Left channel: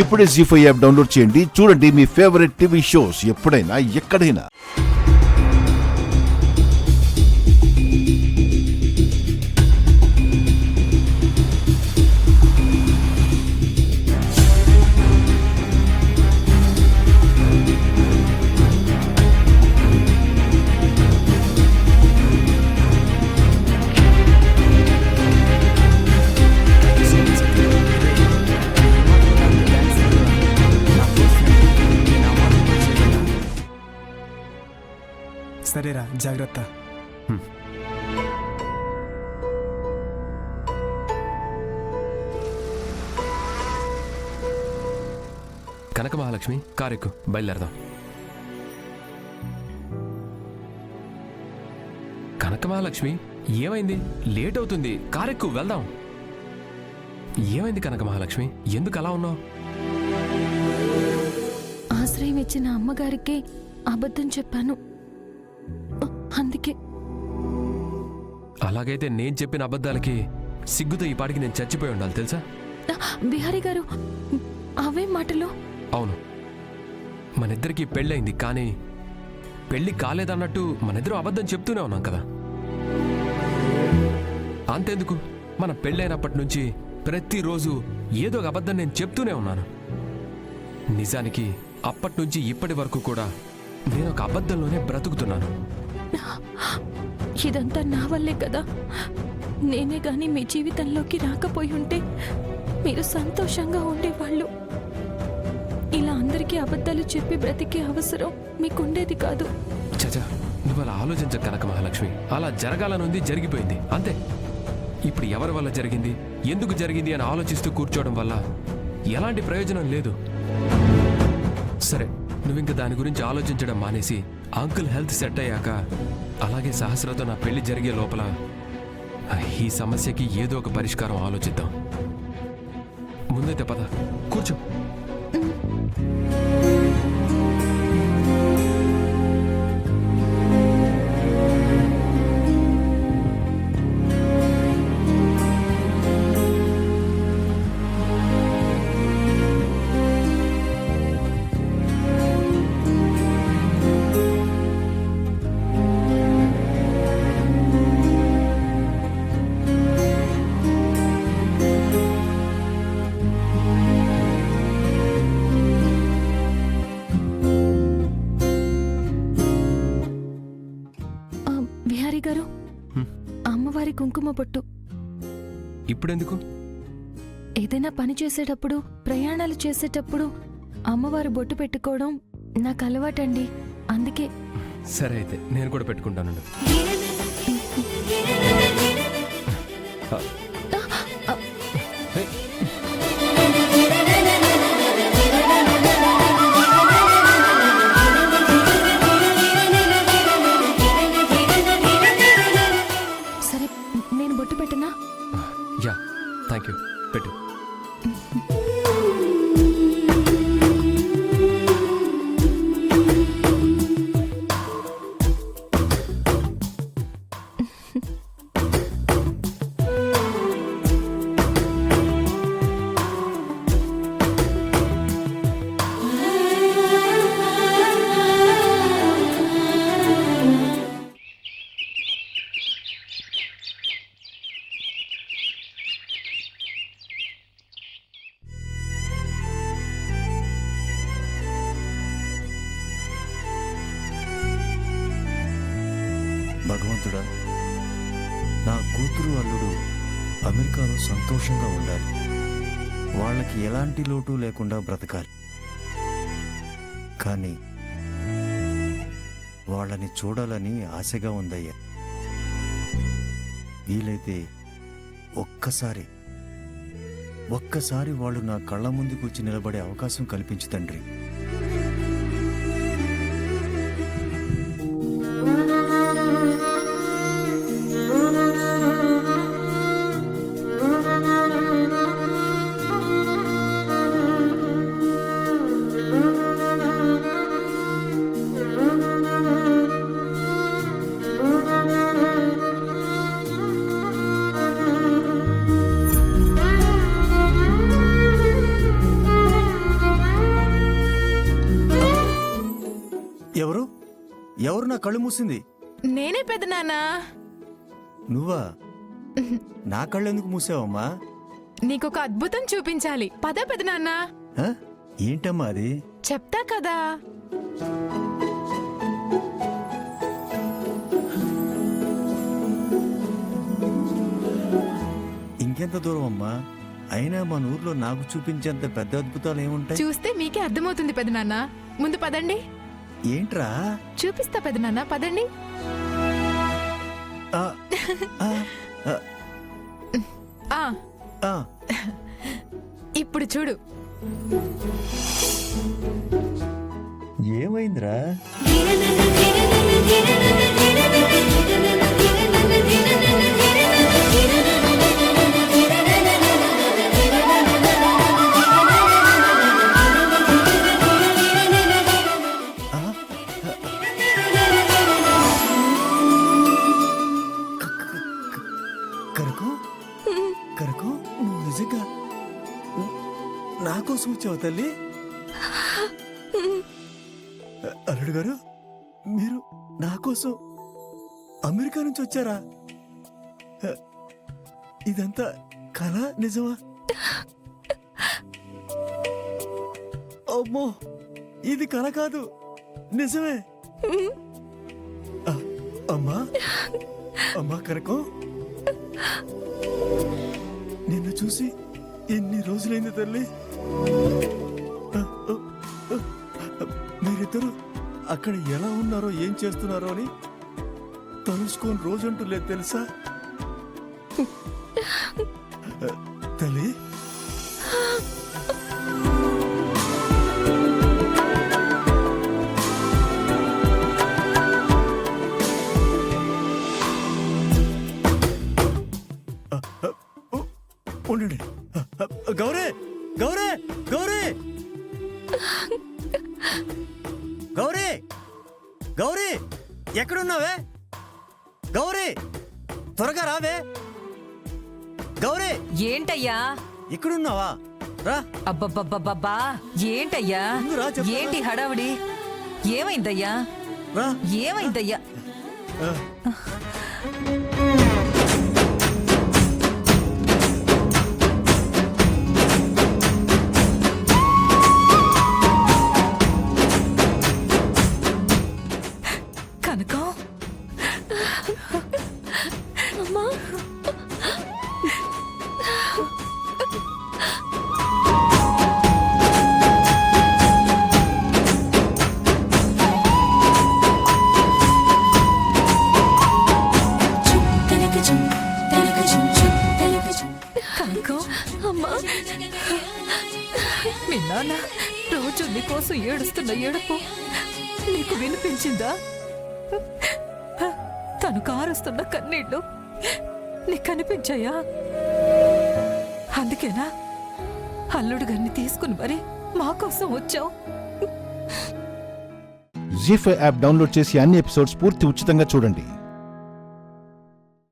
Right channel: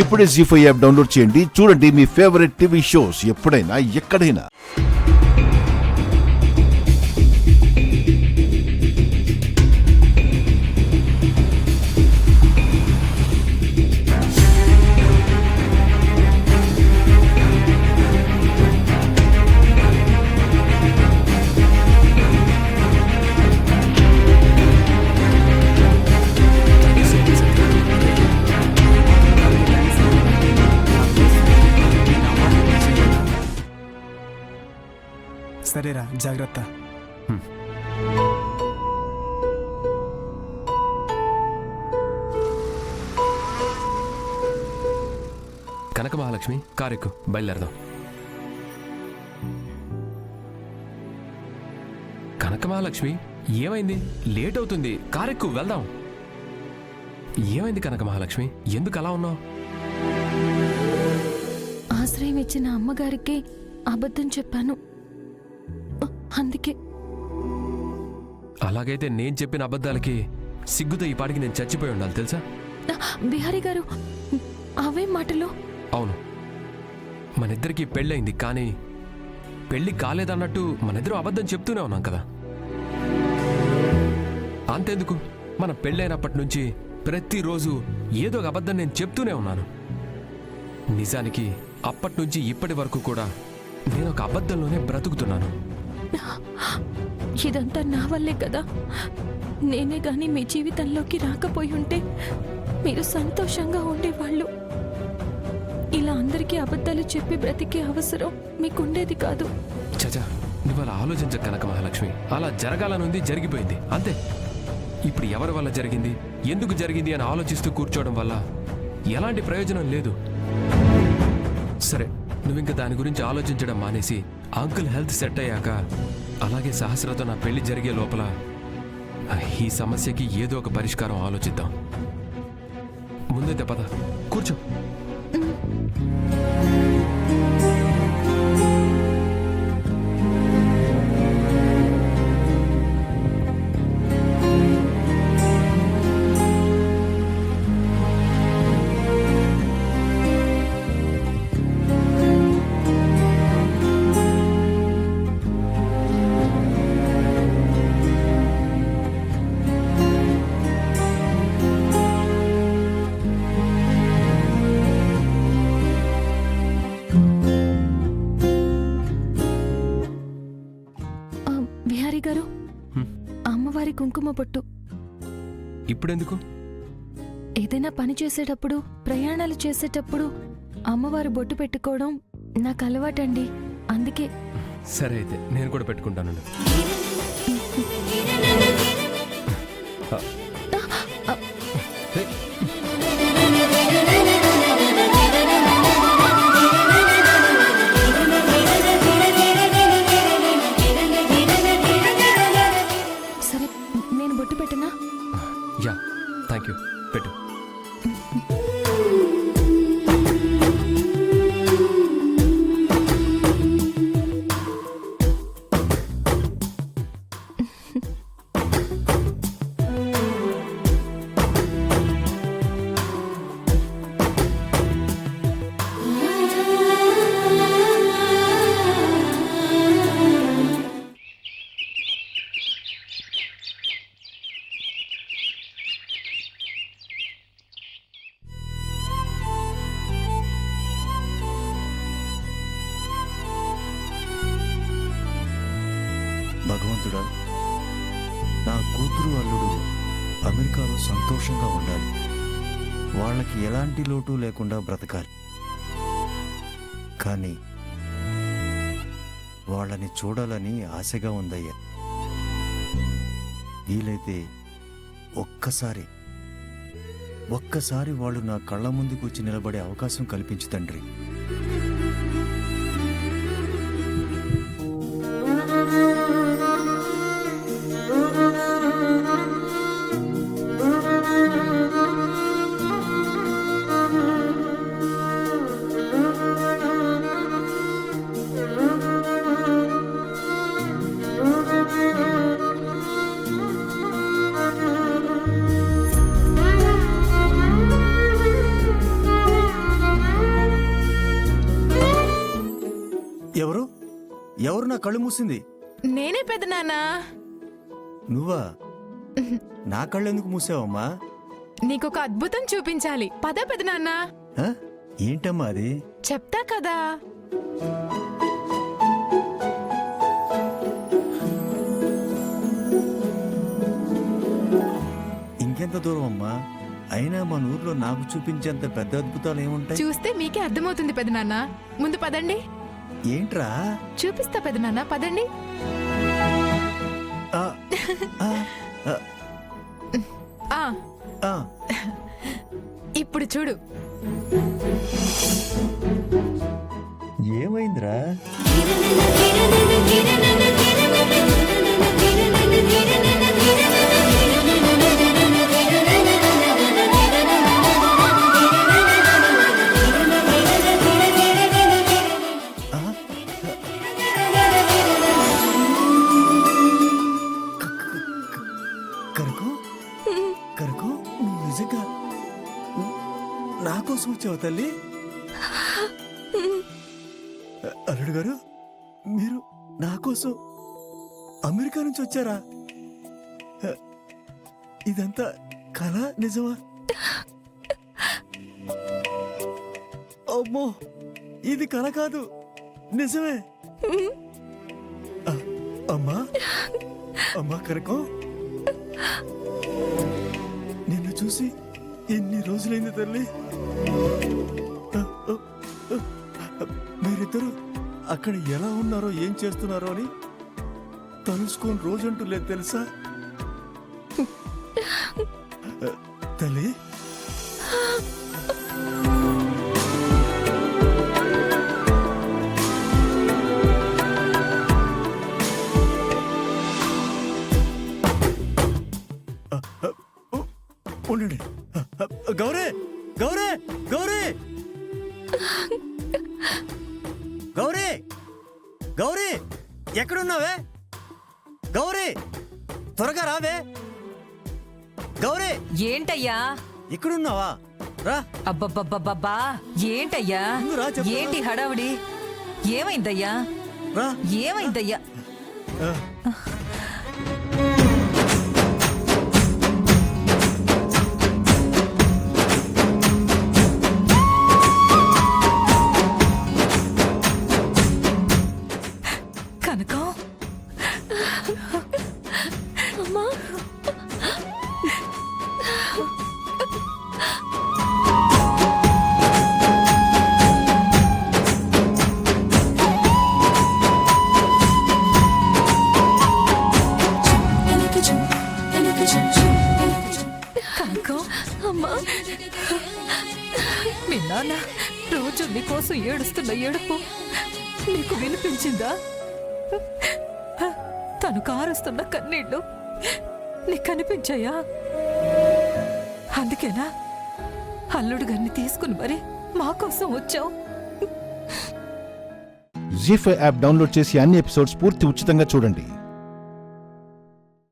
ఇప్పుడే జీ5 app download చేయండి. చూడండి మీ ఫేవరెట్ టీవీ షోస్ ఎప్పుడైనా ఎక్కడైనా. సరేరా, జాగ్రత్త. కనక మహాలక్ష్మి, కారెక్కు, బయలుదేరదాం. కనక మహాలక్ష్మి, ఏమైంది? లేట్ అవుతుంది, కారెక్కు, వెళ్దాం. ఏమైంది కనక మహాలక్ష్మి, ఎందుకు అలా ఉన్నావు? ఆశ్రయం ఇచ్చిన అమ్మగారికి అబద్ధం చెప్పాను, అందుకే. అలాగైతే నేను చెప్పిన అబద్ధాలకి సిగ్గుతో ఈ పాటికి నేను చచ్చిపోయి ఉండాలి తెలుసా? బిహారీ గారు, అవే మాటలు. అవును, మనిద్దరికి పెళ్ళయింది, కానీ పెళ్లి కాలేదన్నట్టు మనిద్దరం అబద్ధం చెప్తూనే ఉన్నాం కదా. అంతెందుకు, మన పెళ్ళైనప్పటి నుంచి ప్రతిరోజు ఏదో ఒక అబద్ధం నేను చెప్తూనే ఉన్నాను. నిజానికి అప్పటి నుంచి ఇప్పటి వరకు కూడా నేను ఒక అబద్ధంలోనే బ్రతుకుతున్నాను. ఇదంతా నా వల్లే కదా. నేనే గాని మీ జీవితంలోకి రాకపోయి ఉంటే మీరు సంతోషంగా ఉండేవాళ్ళు. ఇలా అందరికీ అబద్ధాలు చెప్పి బ్రతికే అవసరం మీకుండేది కాదు. చచా, నువ్వు అలా ఆలోచించ కనక మహాలక్ష్మి. అలా జరగాలనుంది, జరిగిపోయింది, అంతే. ఇప్పుడు ఎవరి వల్ల జరిగింది, ఎందుకు జరిగింది అని ఆలోచిస్తూ కూర్చోవడం వల్ల ఎలాంటి ప్రయోజనం లేదు. సరే, నువ్వింక దాని గురించి ఆలోచించడం మానేసి అంకుల్ హెల్త్ సెట్ అయ్యాక, అలాగే సహస్రతో నా పెళ్లి జరిగే లోపల ఈ సమస్యకి ఏదో ఒక పరిష్కారం ఆలోచిద్దాం. ముందైతే పద, కూర్చో. బిహారీ గారు, అమ్మవారి కుంకుమ బొట్టు. ఇప్పుడెందుకు? ఏదైనా పని చేసేటప్పుడు, ప్రయాణాలు చేసేటప్పుడు అమ్మవారు బొట్టు పెట్టుకోవడం నాకు అలవాటండి, అందుకే. సరే అయితే నేను కూడా పెట్టుకుంటాను. సరే, నేను బొట్టు పెట్టనా? యా, థ్యాంక్ యూ, పెట్టు. భగవంతుడా, నా కూతురు అల్లుడు అమెరికాలో సంతోషంగా ఉండాలి, వాళ్ళకి ఎలాంటి లోటు లేకుండా బ్రతకాలి. కానీ వాళ్ళని చూడాలని ఆశగా ఉందయ్యా. వీలైతే ఒక్కసారి వాళ్ళు నా కళ్ళ ముందుకు వచ్చి నిలబడే అవకాశం కల్పించు తండ్రి. ఎవరు నా కళ్ళు మూసింది? నేనే పెదనాన్నా. నువ్వా? నా కళ్ళు ఎందుకు మూసావమ్మా? నీకొక అద్భుతం చూపించాలి. పద పెదనాన్నా. ఆ? ఏంటమ్మా అది? చెప్తా కదా. ఇంకెంత దూరం అమ్మా? అయినా మన ఊర్లో నాకు చూపించేంత పెద్ద అద్భుతాలు ఏముంటాయి? చూస్తే మీకే అర్థమవుతుంది పెదనాన్నా. ముందు పదండి. ఏంట్రా? చూపిస్తా పెదనాన్నా, పదండి. ఆ, ఆ, ఆ, ఆ ఆ. ఇప్పుడు చూడు. ఏమైందిరా? ఆ, కరకు కరకు నువ్వు నిజంగా నా కోసం వచ్చావు తల్లి? అల్లుడు గారు, మీరు నా కోసం అమెరికా నుంచి వచ్చారా? ఇదంతా కళ నిజమా? అమ్మో, ఇది కళ కాదు, నిజమే. అమ్మా అమ్మా కనకం, నిన్ను చూసి ఎన్ని రోజులైంది తల్లి. మీరిద్దరు అక్కడ ఎలా ఉన్నారో ఏం చేస్తున్నారో అని తలుసుకొని రోజంటూ లేదు తెలుసా తల్లి? ఉండండి. గౌరీ గౌరీ గౌరీ గౌరీ గౌరీ, ఎక్కడున్నావే? గౌరీ, త్వరగా రావే. గౌరీ, ఏంటయ్యా? ఇక్కడున్నావా? రా. అబ్బబ్బబ్బబ్బా, ఏంటయ్యా? ముందు రా, చెప్తాను. ఏంటి హడావుడి? ఏమైందయ్యా? రా. ఏమైందయ్యా? ఆ. కనకం, అమ్మా, కనకం, అమ్మా, మీ నాన్న రోజు నీకోసం ఏడుస్తున్న ఏడుపు నీకు వినిపించిందా? తను కారుస్తున్న కన్నీళ్లు నీకు కనిపించాయా? అందుకేనా అల్లుడు గారిని తీసుకుని మరి మా కోసం వచ్చావు? జీ5 యాప్ డౌన్లోడ్ చేసి అన్ని ఎపిసోడ్స్ పూర్తి ఉచితంగా చూడండి.